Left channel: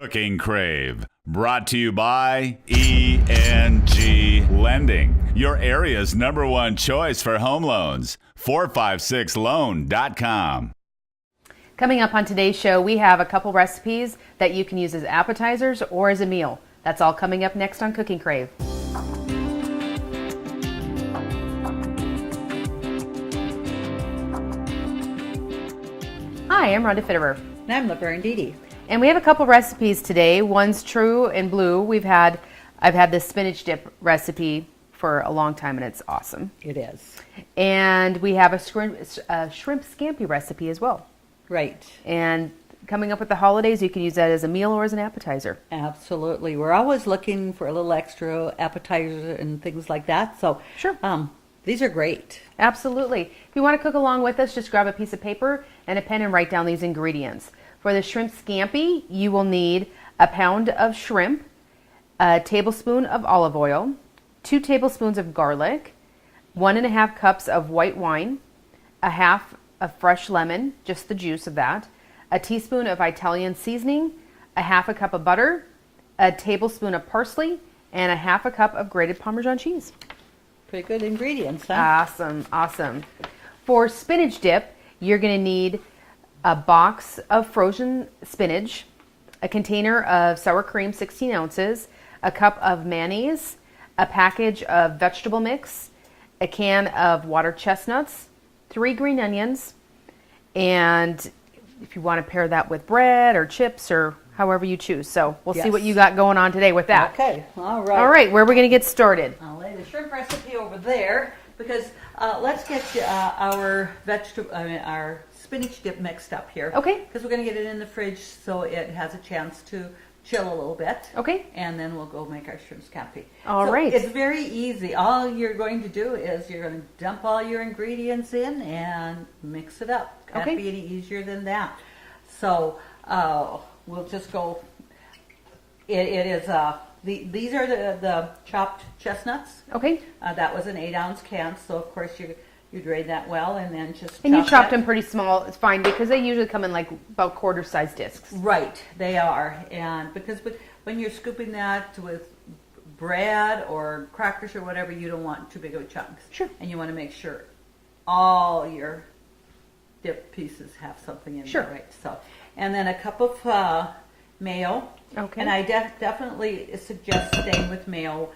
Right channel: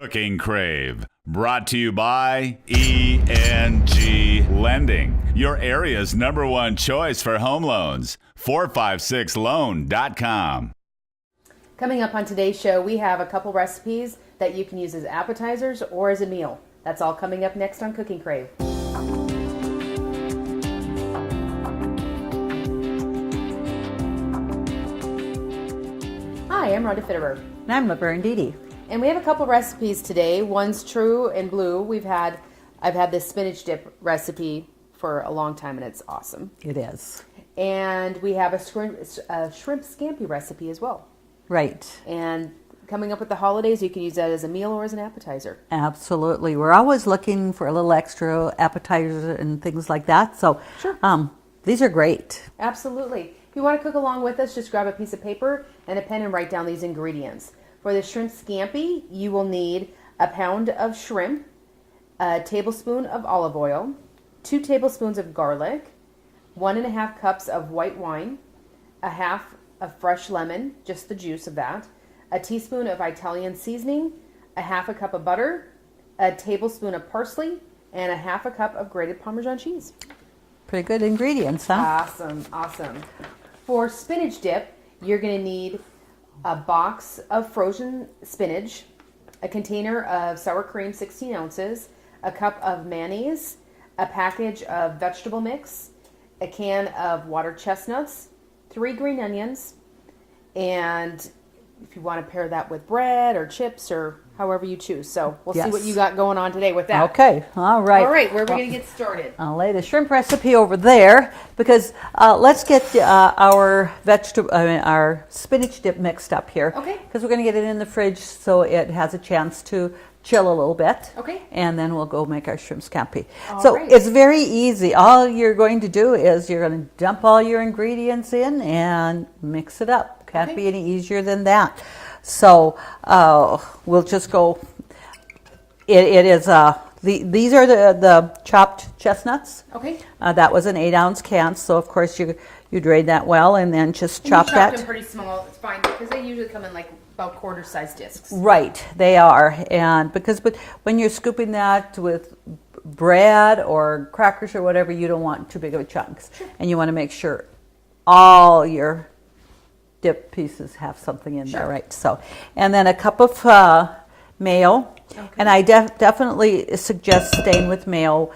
Cooking Crave, brought to you by ENG Lending, your area's #1 choice for home loans. 456loan.com. Coming up on today's show, we have a couple recipes that you can use as appetizers or as a meal. That's all coming up next on Cooking Crave. Hi, I'm Rhonda Fitterer. And I'm Laverne. And we have a couple recipes today. One's true and blue. I've had this spinach dip recipe for a long time, and it's awesome. It is. And we have a shrimp scampi recipe as well. Right. And coming up with the holidays, you can use that as a meal or as an appetizer. Absolutely. We're always looking for a little extra appetizers and things like that. So sure. These are great. Absolutely. If you want to cook along with us, just grab a piece of paper and a pen and write down these ingredients. For the shrimp scampi, you will need a pound of shrimp, a tablespoon of olive oil, 2 tablespoons of garlic, 1.5 cups of white wine, a half of fresh lemon, just the juice of that, a teaspoon of Italian seasoning, a half a cup of butter, a tablespoon of parsley, and a half a cup of grated Parmesan cheese. Pretty good ingredients, huh? Awesome. For spinach dip, you're going to need a box of frozen spinach, a container of sour cream, 16 ounces, a cup of mayonnaise, a package of vegetable mix, a can of water chestnuts, 3 green onions, and if you want to pair that with bread or chips or however you choose. So we'll see what you got going on today with that. Okay, all right. All right, where are we going to get started? I'll lay the shrimp recipe over there because let's get our spinach dip mixed up here. Okay. Because we're going to get it in the fridge so it has a chance to chill a little bit. Okay. And then we'll go make our shrimp scampi. All right. It's very easy. All you're going to do is you're going to dump all your ingredients in and mix it up. Can't be any easier than that. So we'll just go. It is these are the chopped chestnuts. Okay. That was an 8-ounce can, so of course you drain that well and then just chop you chopped that. them pretty small. It's fine because they usually come in like about quarter-sized discs. Right, they are, and because when you're scooping that with bread or crackers or whatever, you don't want too big of a chunks. Sure. And you want to make sure all your dip pieces have something in there, right? So, and then a cup of mayo, and I definitely suggest staying with mayo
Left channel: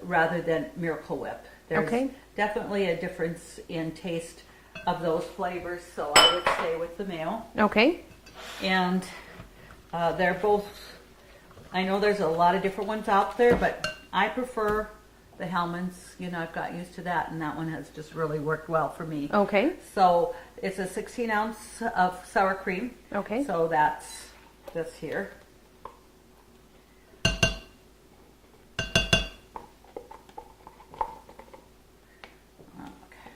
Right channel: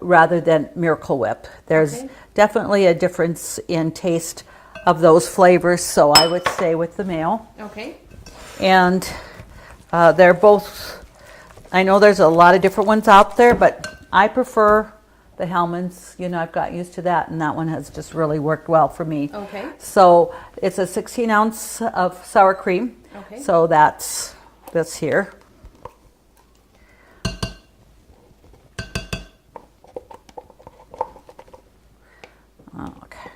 rather than Miracle Whip. There's definitely a difference in taste of those flavors, so I would stay with the mayo. Okay. And they're both, I know there's a lot of different ones out there, but I prefer the Hellmann's. I've got used to that, and that one has just really worked well for me. Okay. So it's a 16 ounce of sour cream. Okay. So that's this here. Okay.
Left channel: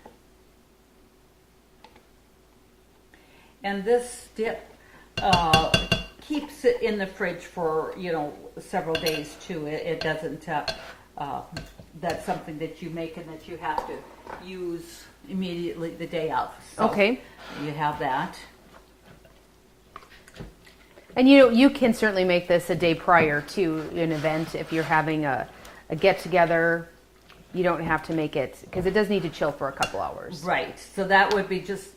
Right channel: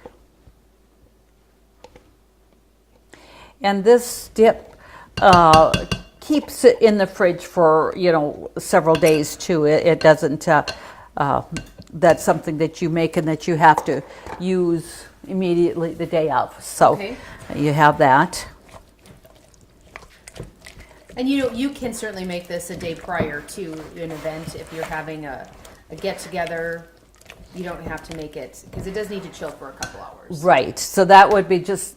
And this dip keeps it in the fridge for, several days too. It doesn't, that's something that you make and that you have to use immediately the day of. So you have that. And you can certainly make this a day prior to an event. If you're having a get-together, you don't have to make it, because it does need to chill for a couple hours. Right. So that would be just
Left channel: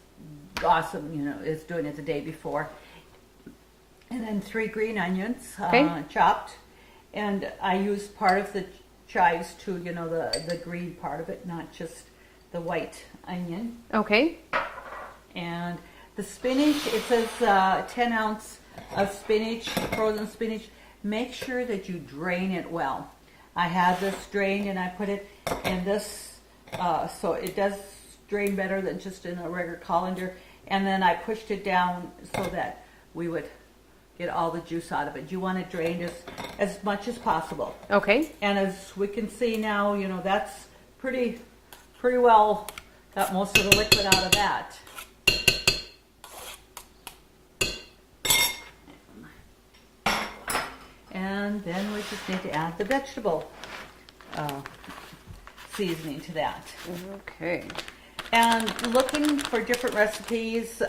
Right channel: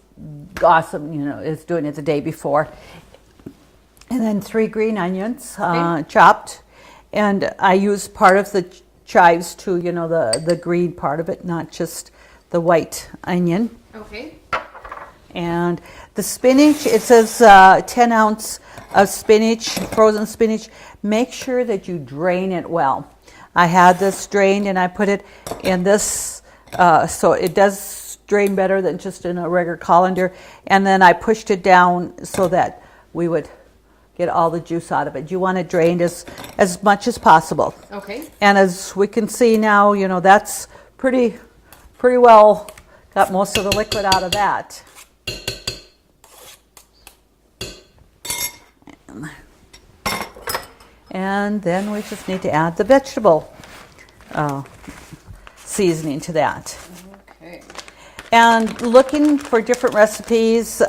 awesome, is doing it the day before. And then 3 green onions, chopped. And I use part of the chives too, the green part of it, not just the white onion. Okay. And the spinach, it says 10 ounce of spinach, frozen spinach. Make sure that you drain it well. I had this drained and I put it in this, so it does drain better than just in a regular colander. And then I pushed it down so that we would get all the juice out of it. You want it drained as much as possible. Okay. And as we can see now, that's pretty well got most of the liquid out of that. And then we just need to add the vegetable seasoning to that. Okay. And looking for different recipes,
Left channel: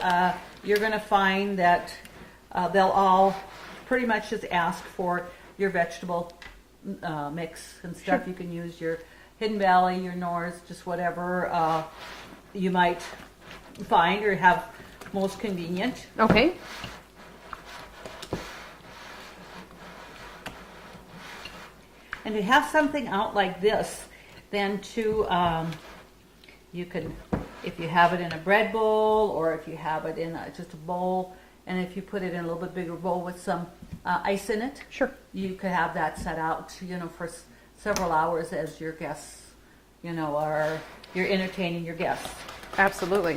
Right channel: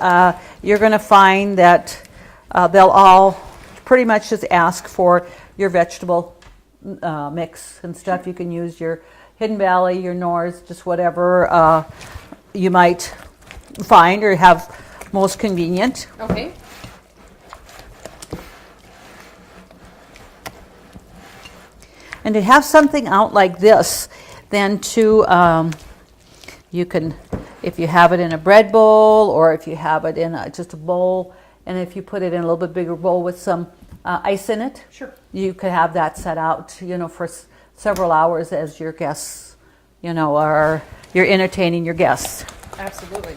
you're going to find that they'll all pretty much just ask for your vegetable mix and stuff. Sure. You can use your Hidden Valley, your North, just whatever you might find or have most convenient. Okay. And to have something out like this, then to you can, if you have it in a bread bowl or if you have it in just a bowl, and if you put it in a little bit bigger bowl with some ice in it, Sure. you could have that set out, for several hours as your guests, are you're entertaining your guests. Absolutely.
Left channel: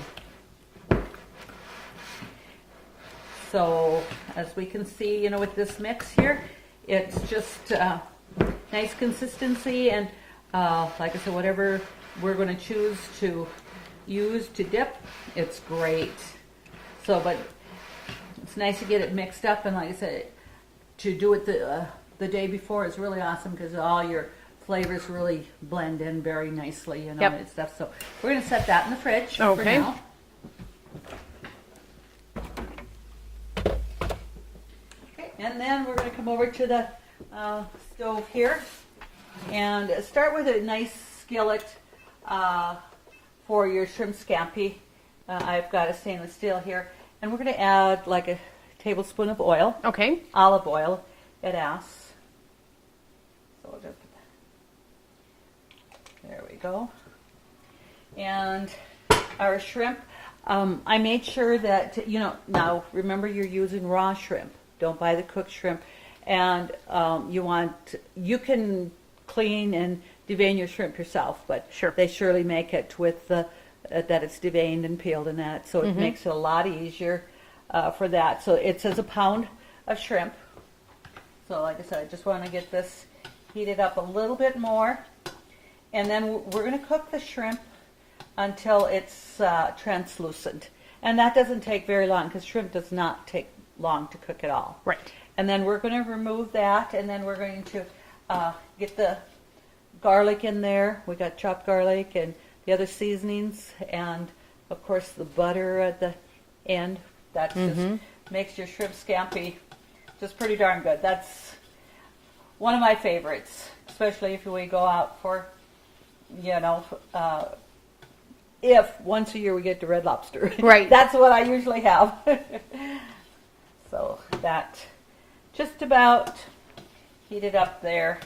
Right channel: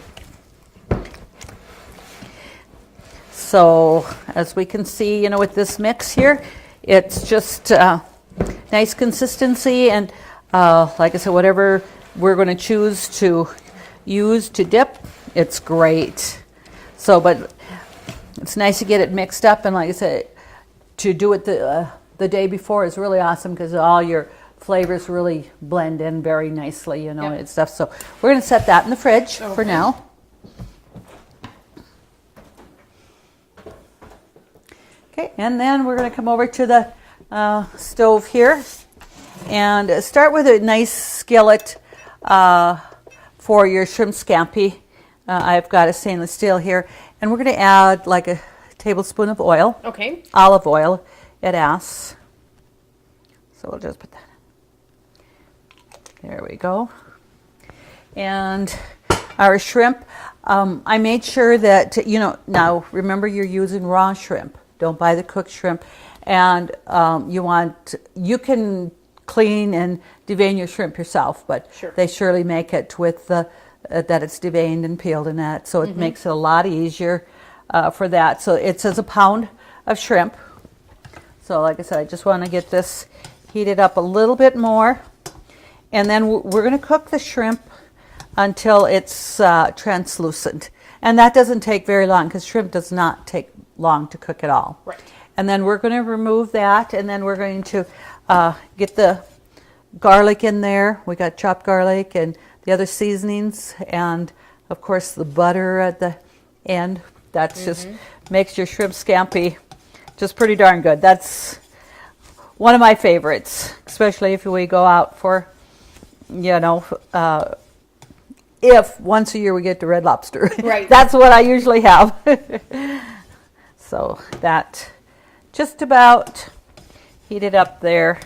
So as we can see, with this mix here, it's just nice consistency, and like I said, whatever we're going to choose to use to dip, it's great. So, but it's nice to get it mixed up, and like I said, to do it the day before is really awesome because all your flavors really blend in very nicely, Yep. and stuff. So we're going to set that in the fridge for Okay. now. Okay, and then we're going to come over to the stove here and start with a nice skillet for your shrimp scampi. I've got a stainless steel here, and we're going to add like a tablespoon of oil, Okay. olive oil it asks. So we'll just put that in. There we go. And our shrimp, I made sure that, now remember you're using raw shrimp. Don't buy the cooked shrimp. And you can clean and devein your shrimp yourself, but Sure. they surely make it with that it's deveined and peeled and that. So it makes it a lot easier for that. So it says a pound of shrimp. So like I said, I just want to get this heated up a little bit more. And then we're going to cook the shrimp until it's translucent. And that doesn't take very long because shrimp does not take long to cook at all. Right. And then we're going to remove that, and then we're going to get the garlic in there. We got chopped garlic and the other seasonings, and of course the butter at the end. That's just makes your shrimp scampi just pretty darn good. That's one of my favorites, especially if we go out for, if once a year we get to Red Lobster. Right. That's what I usually have. So that just about heated up there.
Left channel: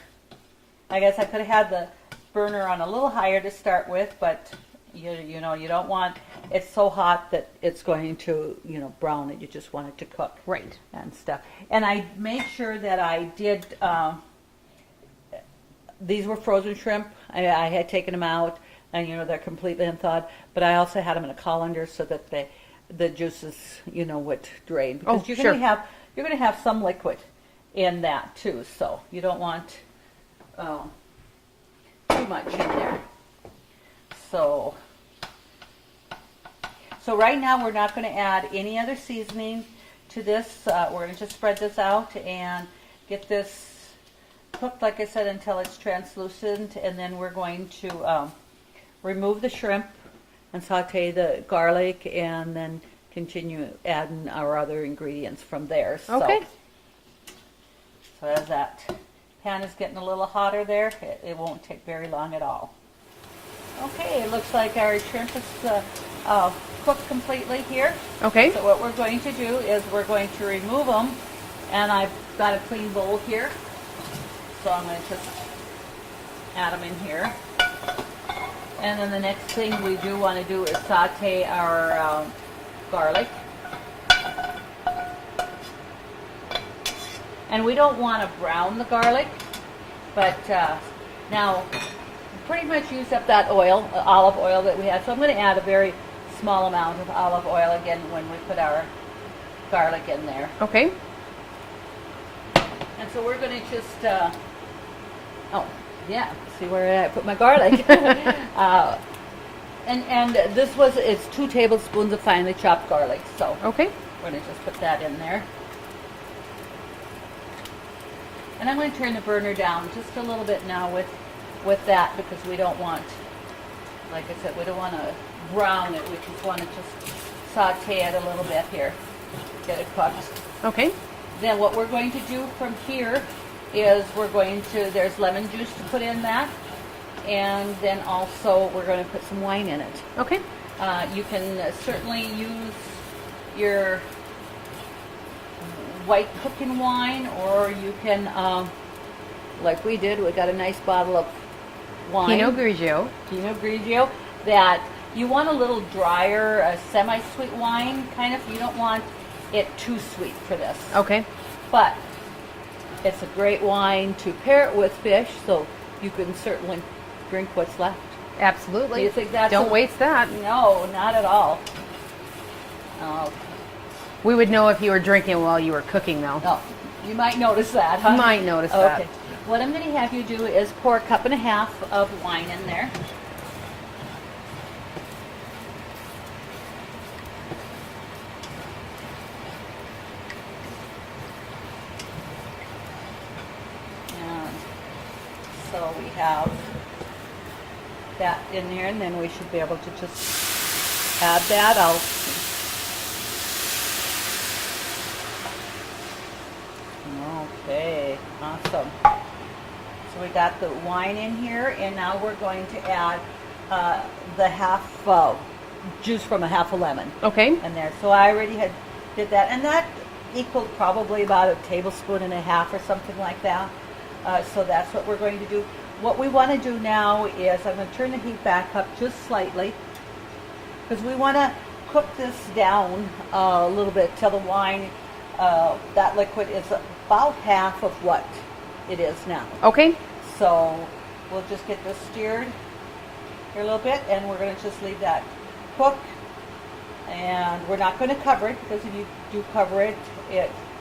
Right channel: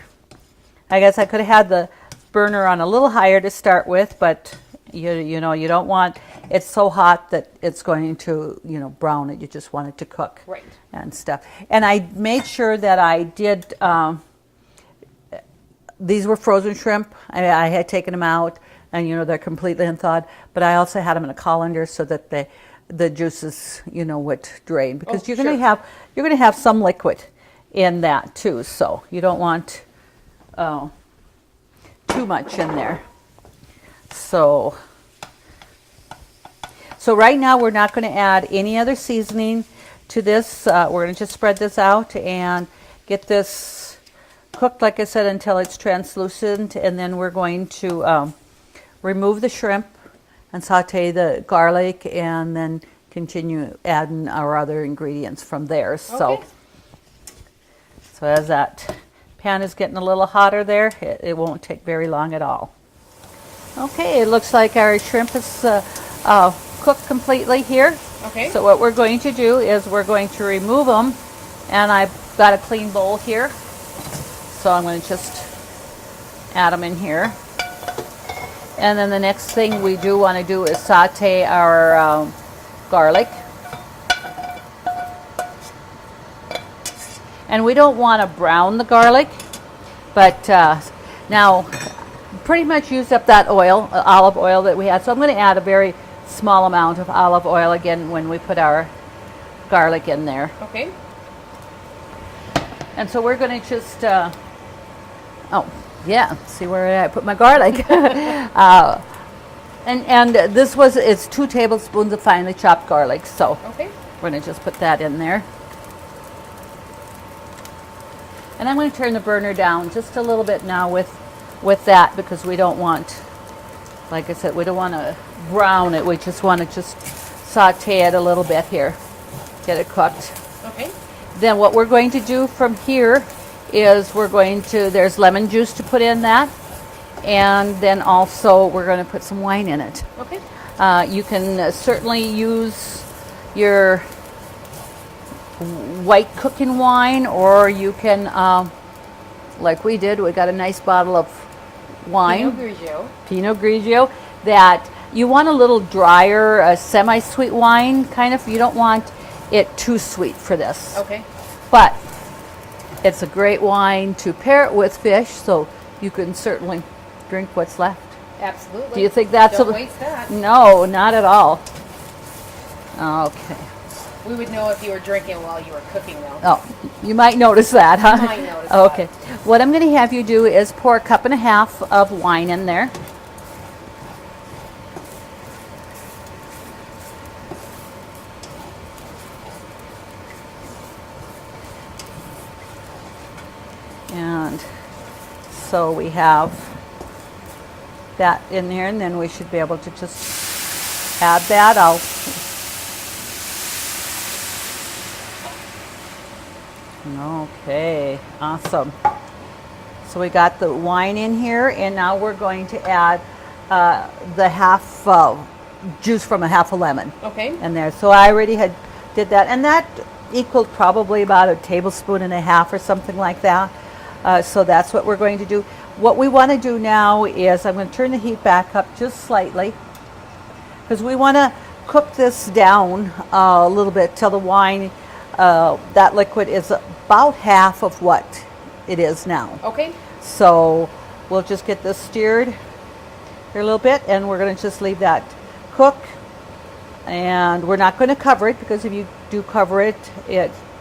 I guess I could have had the burner on a little higher to start with, but you don't want it's so hot that it's going to brown it. You just want it to cook, Right. and stuff. And I made sure that I did. These were frozen shrimp. I had taken them out, and they're completely unthawed. But I also had them in a colander so that the juices would drain, because you're going to have some liquid in that too. So you don't want too much in there. So right now we're not going to add any other seasoning to this. We're going to just spread this out and get this cooked, like I said, until it's translucent, and then we're going to remove the shrimp and saute the garlic, and then continue adding our other ingredients from there. Okay. So as that pan is getting a little hotter there, it won't take very long at all. Okay, it looks like our shrimp is cooked completely here. Okay. So what we're going to do is we're going to remove them, and I've got a clean bowl here. So I'm going to just add them in here. And then the next thing we do want to do is saute our garlic. And we don't want to brown the garlic, but now pretty much used up that oil, olive oil that we had. So I'm going to add a very small amount of olive oil again when we put our garlic in there. Okay. And so we're going to just, see where I put my garlic. And this it's 2 tablespoons of finely chopped garlic. So Okay. we're going to just put that in there. And I'm going to turn the burner down just a little bit now with that, because we don't want, like I said, we don't want to brown it. We just want to just saute it a little bit here, get it cooked. Okay. Then what we're going to do from here is there's lemon juice to put in that. And then also we're going to put some wine in it. Okay. You can certainly use your white cooking wine, or you can, like we did, we got a nice bottle of wine. Pinot Grigio. That you want a little drier, semi-sweet wine, kind of. You don't want it too sweet for this. Okay. But it's a great wine to pair it with fish, so you can certainly drink what's left. Absolutely. Do you think that's Don't waste that. No, not at all. Okay. We would know if you were drinking while you were cooking, though. Oh, you might notice that, huh? You might notice that. Okay. What I'm going to have you do is pour 1.5 cups of wine in there. And so we have that in there, and then we should be able to just add that. Okay, awesome. So we got the wine in here, and now we're going to add the half juice from a half a lemon. Okay. In there. So I already did that, and that equaled probably about 1.5 tablespoons or something like that. So that's what we're going to do. What we want to do now is I'm going to turn the heat back up just slightly, because we want to cook this down a little bit till the wine, that liquid is about half of what it is now. Okay. So we'll just get this stirred here a little bit, and we're going to just leave that cook. And we're not going to cover it, because if you do cover it,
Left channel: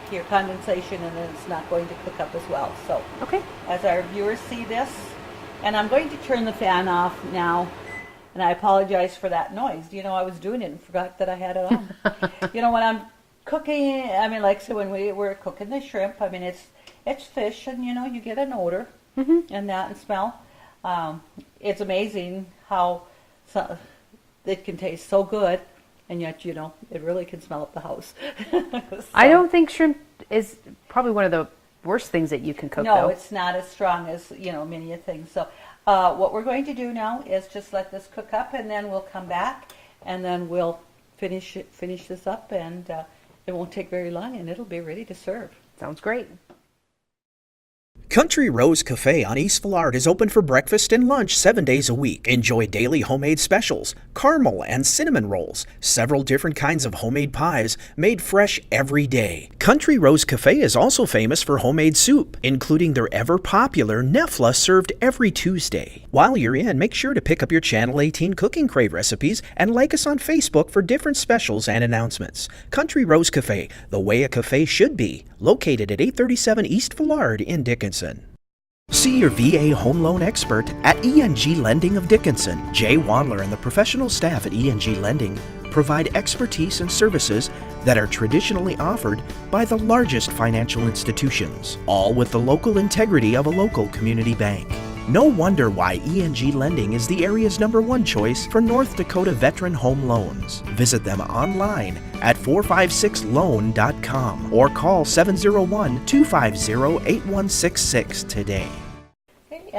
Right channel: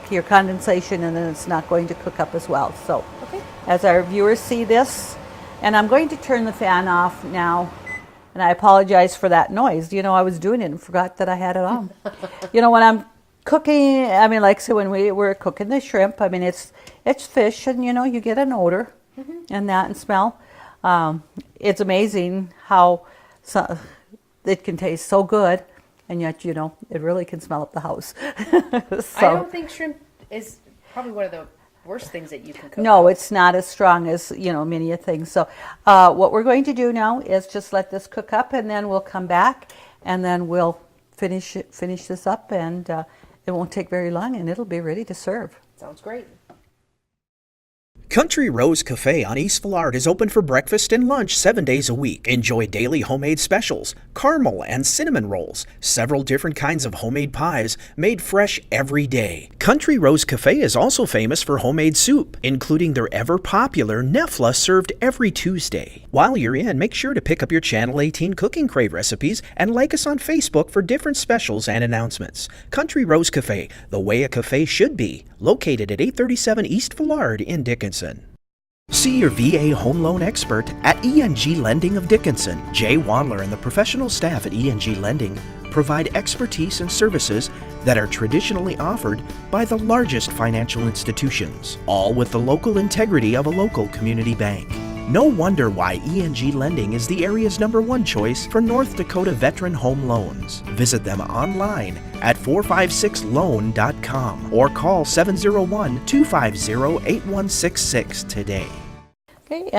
your condensation, and then it's not going to cook up as well. So Okay. as our viewers see this, and I'm going to turn the fan off now, and I apologize for that noise. You know, I was doing it and forgot that I had it on. You know, when I'm cooking, I mean, like, so when we were cooking the shrimp, I mean, it's fish, and, you know, you get an odor and that and smell. It's amazing how it can taste so good, and yet, you know, it really can smell up the house. So, I don't think shrimp is probably one of the worst things that you can cook. no, though. it's not as strong as, you know, many a things. So what we're going to do now is just let this cook up, and then we'll come back, and then we'll finish this up, and it won't take very long, and it'll be ready to serve. Sounds great. Country Rose Cafe on East Villard is open for breakfast and lunch 7 days a week. Enjoy daily homemade specials, caramel and cinnamon rolls, several different kinds of homemade pies made fresh every day. Country Rose Cafe is also famous for homemade soup, including their ever-popular Nefla served every Tuesday. While you're in, make sure to pick up your Channel 18 Cooking Crave recipes and like us on Facebook for different specials and announcements. Country Rose Cafe, the way a cafe should be, located at 837 East Villard in Dickinson. See your VA home loan expert at ENG Lending of Dickinson. Jay Wandler and the professional staff at ENG Lending provide expertise and services that are traditionally offered by the largest financial institutions, all with the local integrity of a local community bank. No wonder why ENG Lending is the area's #1 choice for North Dakota veteran home loans. Visit them online at 456loan.com or call 701-250-8166 today. Okay,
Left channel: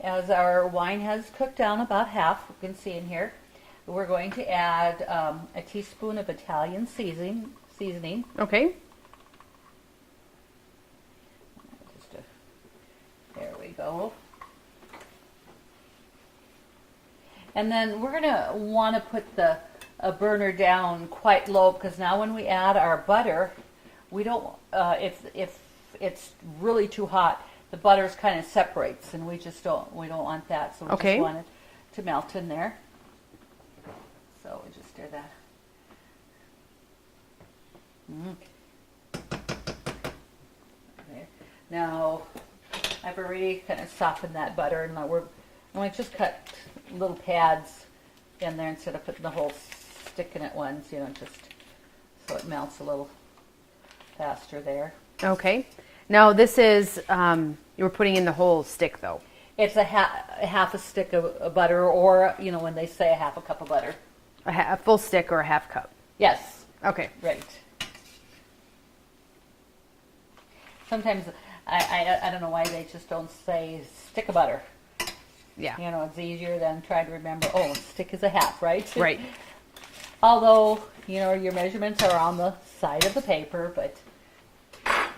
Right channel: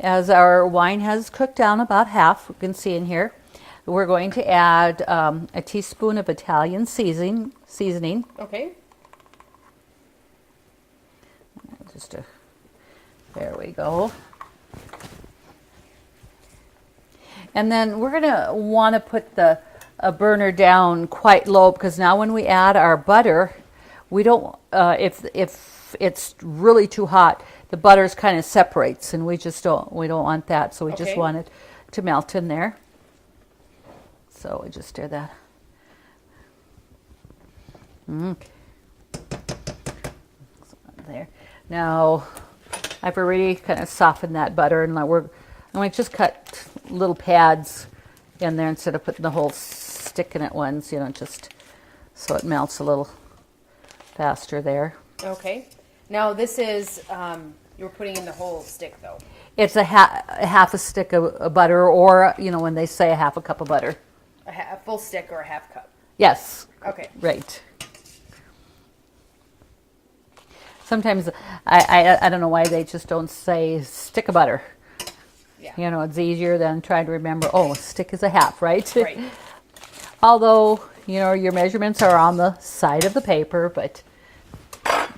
as our wine has cooked down about half, you can see in here, we're going to add a teaspoon of Italian seasoning. Okay. There we go. And then we're going to want to put the burner down quite low, because now when we add our butter, we don't, if it's really too hot, the butters kind of separates, and we don't want that. So we just want it to melt in there. So we just stir that. There. Now I've already kind of softened that butter, and I'm going to just cut little pads in there instead of putting the whole stick in at once, you know, just so it melts a little faster there. Okay. Now this is, you were putting in the whole stick though. It's half a stick of butter, or, you know, when they say a half a cup of butter. A full stick or a half cup? Yes. Okay. Right. Sometimes I don't know why they just don't say stick of butter. Yeah. You know, it's easier than trying to remember, oh, stick is a half, right? Right. Although, you know, your measurements are on the side of the paper, but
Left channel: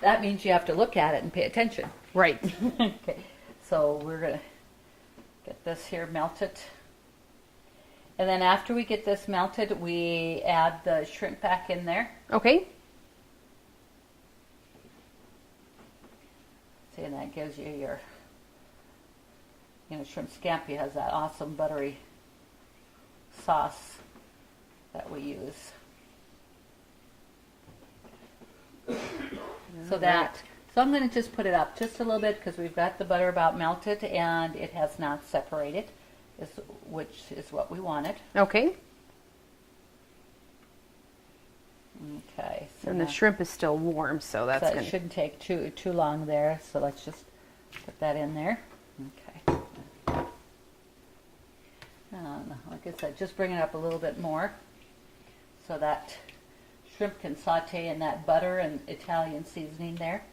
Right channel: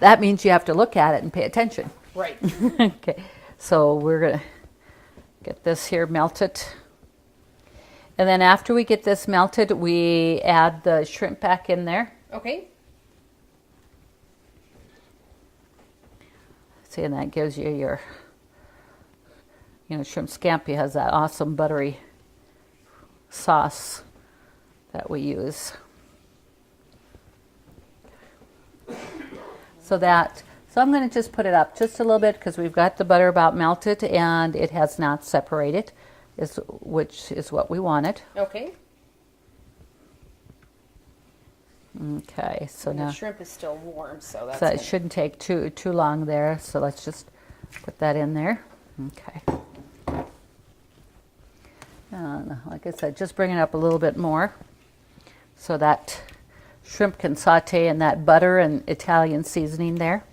that means you have to look at it and pay attention. Right. Okay, so we're going to get this here melted. And then after we get this melted, we add the shrimp back in there. Okay. See, and that gives you your, you know, shrimp scampi has that awesome buttery sauce that we use. So I'm going to just put it up just a little bit because we've got the butter about melted and it has not separated, which is what we wanted. Okay. Okay, so And now the shrimp is still warm, so that's so it gonna- shouldn't take too long there. So let's just put that in there. Okay. And like I said, just bring it up a little bit more so that shrimp can saute in that butter and Italian seasoning there.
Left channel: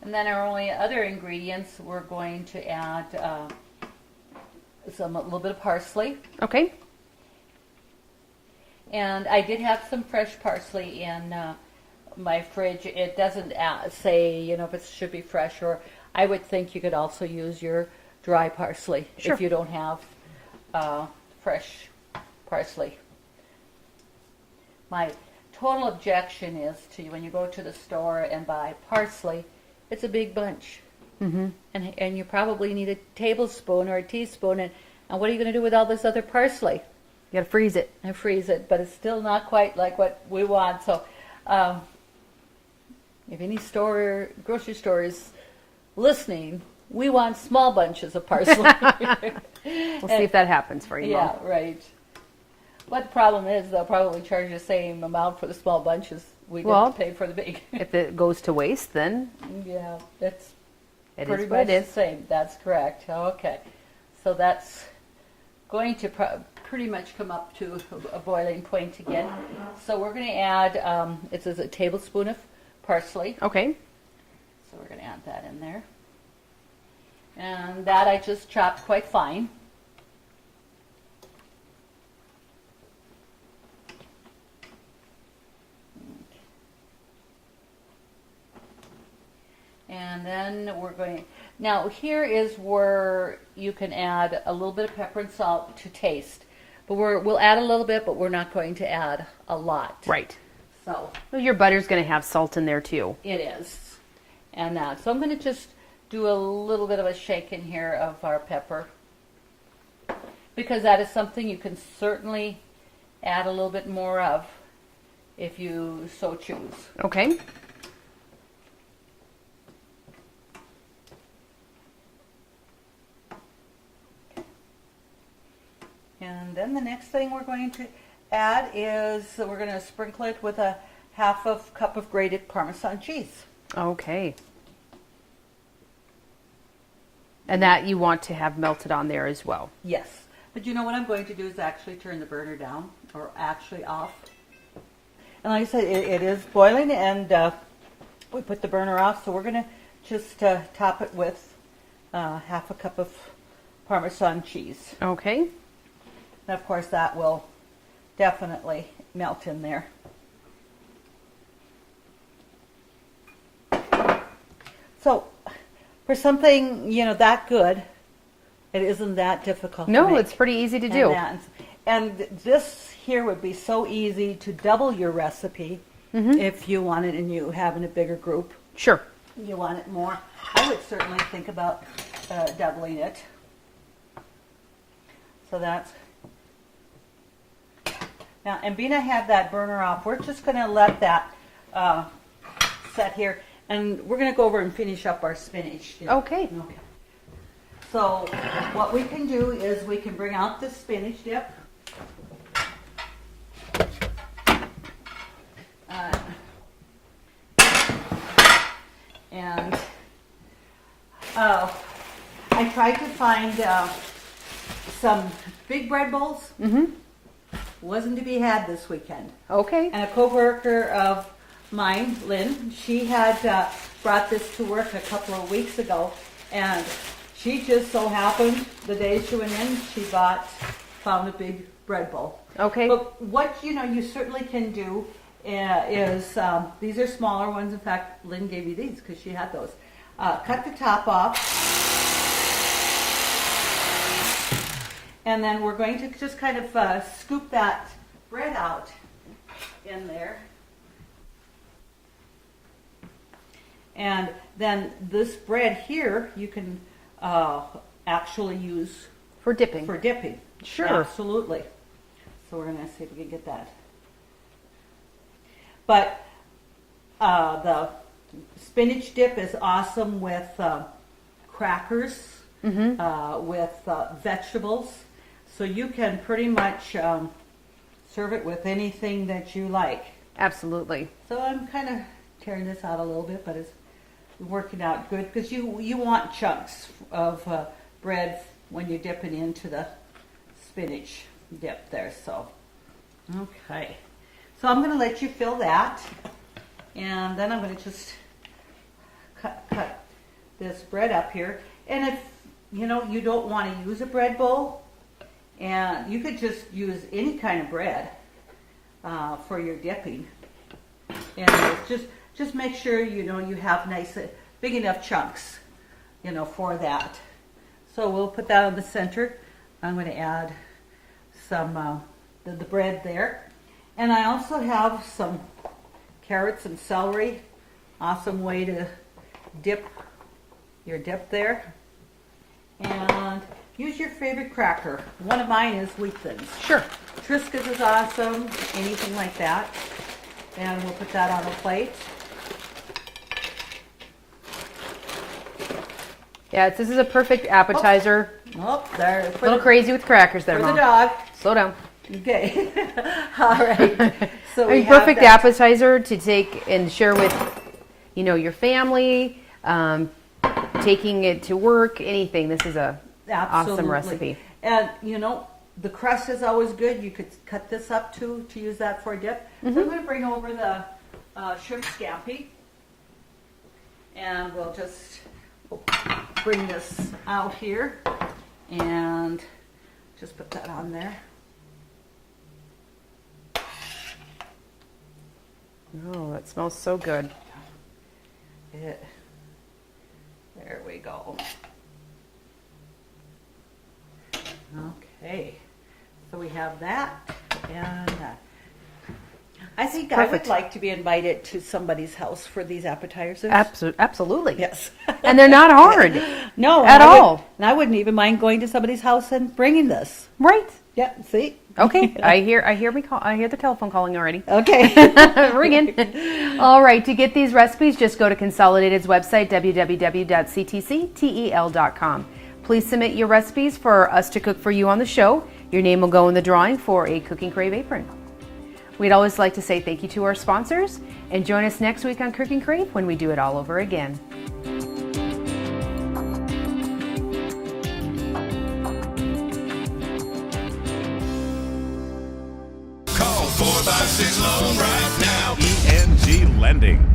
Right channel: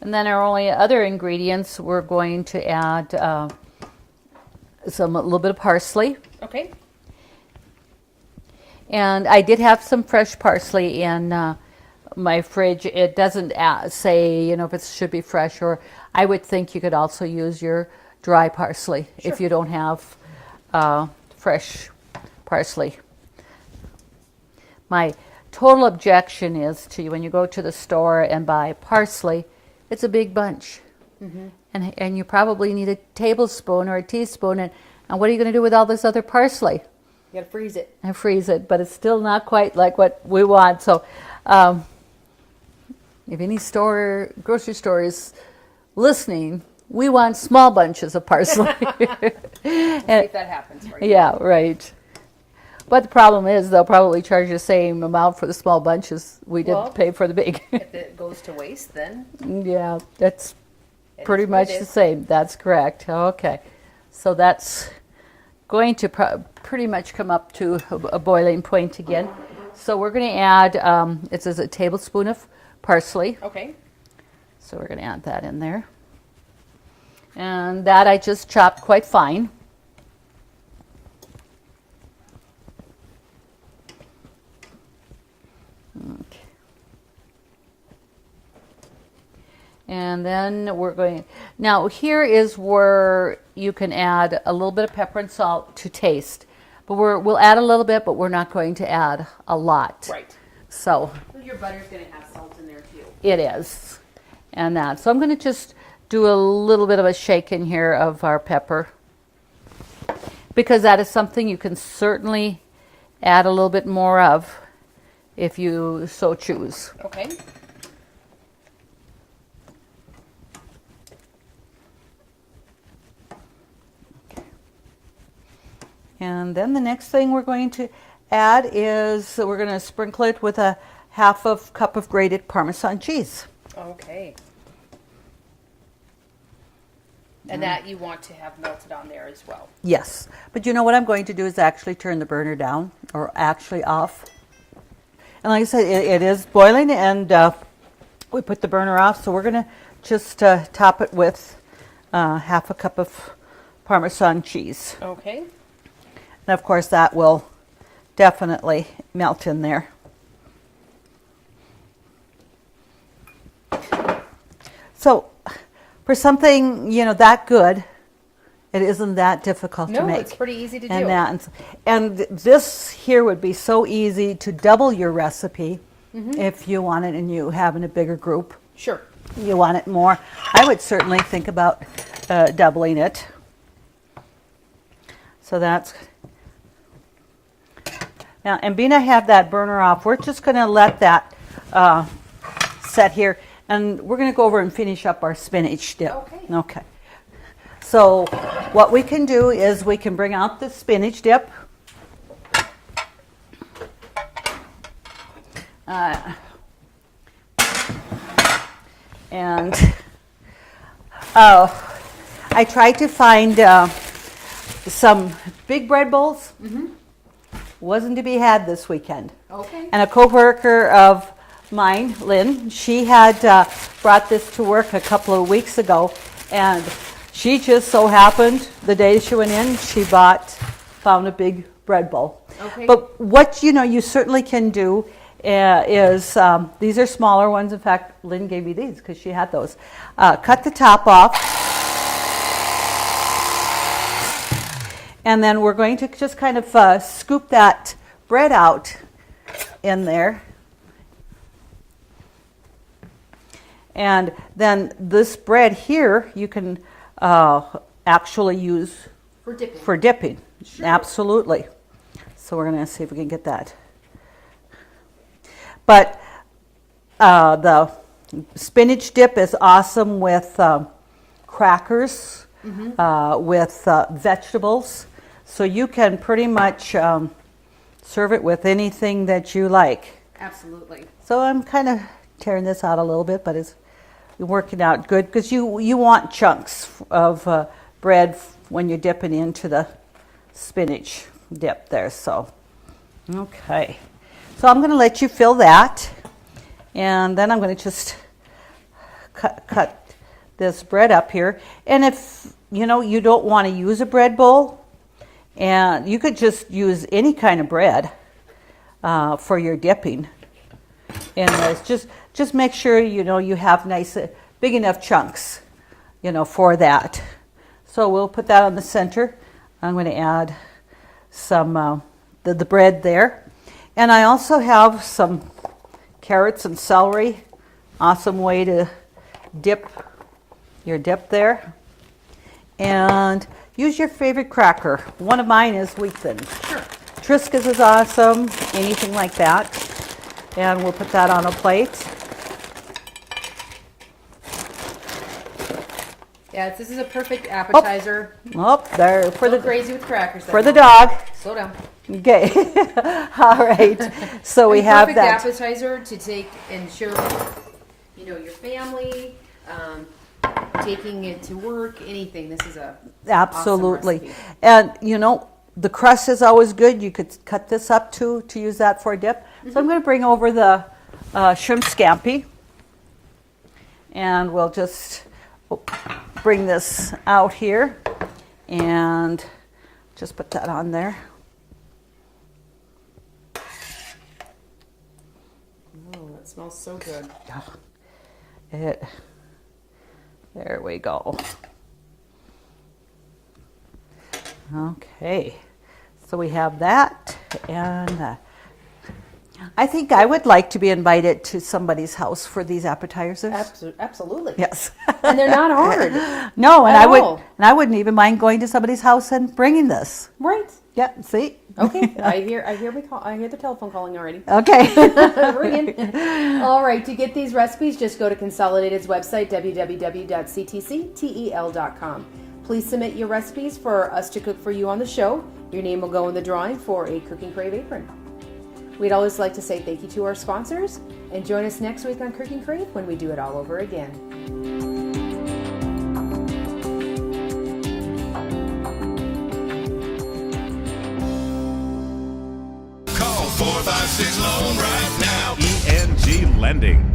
And then our only other ingredients, we're going to add a little bit of parsley. Okay. And I did have some fresh parsley in my fridge. It doesn't say, you know, if it should be fresh, or I would think you could also use your dry parsley if you don't have fresh parsley. My total objection is to when you go to the store and buy parsley, it's a big bunch. Mm-hmm. And you probably need a tablespoon or a teaspoon. And what are you going to do with all this other parsley? You gotta freeze it. And freeze it, but it's still not quite like what we want. So if any grocery store is listening, we want small bunches of parsley. We'll see if that happens for you. Yeah, right. But the problem is they'll probably charge the same amount for the small bunches we didn't pay for the big. If it goes to waste, then Yeah, that's it pretty is what much it the is. same. That's correct. Okay. So that's going to pretty much come up to a boiling point again. So we're going to add, it says a tablespoon of parsley. Okay. So we're going to add that in there. And that I just chopped quite fine. Okay. And then we're going, now here is where you can add a little bit of pepper and salt to taste. But we'll add a little bit, but we're not going to add a lot. Right. So Well, your butter's gonna have salt in there too. it is. And that. So I'm going to just do a little bit of a shake in here of our pepper, because that is something you can certainly add a little bit more of if you so choose. Okay. And then the next thing we're going to add is we're going to sprinkle it with a half of cup of grated Parmesan cheese. Okay. And that you want to have melted on there as well. Yes, but you know what I'm going to do is actually turn the burner down, or actually off. And like I said, it is boiling, and we put the burner off, so we're going to just top it with half a cup of Parmesan cheese. Okay. And of course that will definitely melt in there. So for something, you know, that good, it isn't that difficult to No, make. it's pretty easy to And do. and this here would be so easy to double your recipe if you want it and you have in a bigger group. Sure. You want it more. I would certainly think about doubling it. So that's... Now, and being I have that burner off, we're just going to let that set here. And we're going to go over and finish up our spinach dip. Okay. Okay. So what we can do is we can bring out the spinach dip. And I tried to find some big bread bowls. Wasn't to be had this weekend. Okay. And a coworker of mine, Lynn, she had brought this to work a couple of weeks ago, and she just so happened the day she went in, she found a big bread bowl. Okay. But what you certainly can do is these are smaller ones. In fact, Lynn gave me these because she had those. Cut the top off, and then we're going to just kind of scoop that bread out in there. And then this bread here you can actually use For dipping. for dipping. Sure. Absolutely. So we're going to see if we can get that. But the spinach dip is awesome with crackers, with vegetables. So you can pretty much serve it with anything that you like. Absolutely. So I'm kind of tearing this out a little bit, but it's working out good because you want chunks of bread when you're dipping into the spinach dip there. So, okay. So I'm going to let you fill that, and then I'm going to just cut this bread up here. And if you don't want to use a bread bowl, and you could just use any kind of bread for your dipping. And just make sure you have nice big enough chunks for that. So we'll put that on the center. I'm going to add some the bread there. And I also have some carrots and celery. Awesome way to dip your dip there. And use your favorite cracker. One of mine is wheat thins. Sure. Triscuits is awesome, anything like that. And we'll put that on a plate. Yeah, this is a perfect appetizer. Oh, there for Go the crazy with crackers there, for the Mom. dog. Slow down. Okay. All right. So we have perfect that. appetizer to take and share with, your family, taking it to work, anything. This is a awesome Absolutely. recipe. And the crust is always good. You could cut this up to use that for a dip. So I'm going to bring over the shrimp scampi, and we'll just bring this out here and just put that on there. Oh, it smells so good. There we go. Okay, so we have that, and I think I would like to be invited to somebody's house for these appetizers. Absolutely. Yes. And they're not hard. No, At all. I wouldn't even mind going to somebody's house and bringing this. Right. Yeah, see? Okay. I hear the telephone calling already. Okay. Ringing. All right. To get these recipes, just go to Consolidated's website, www.ctctel.com. Please submit your recipes for us to cook for you on the show. Your name will go in the drawing for a Cooking Crave apron. We'd always like to say thank you to our sponsors, and join us next week on Cooking Crave when we do it all over again. Call 456 Loan right now. ENG Lending.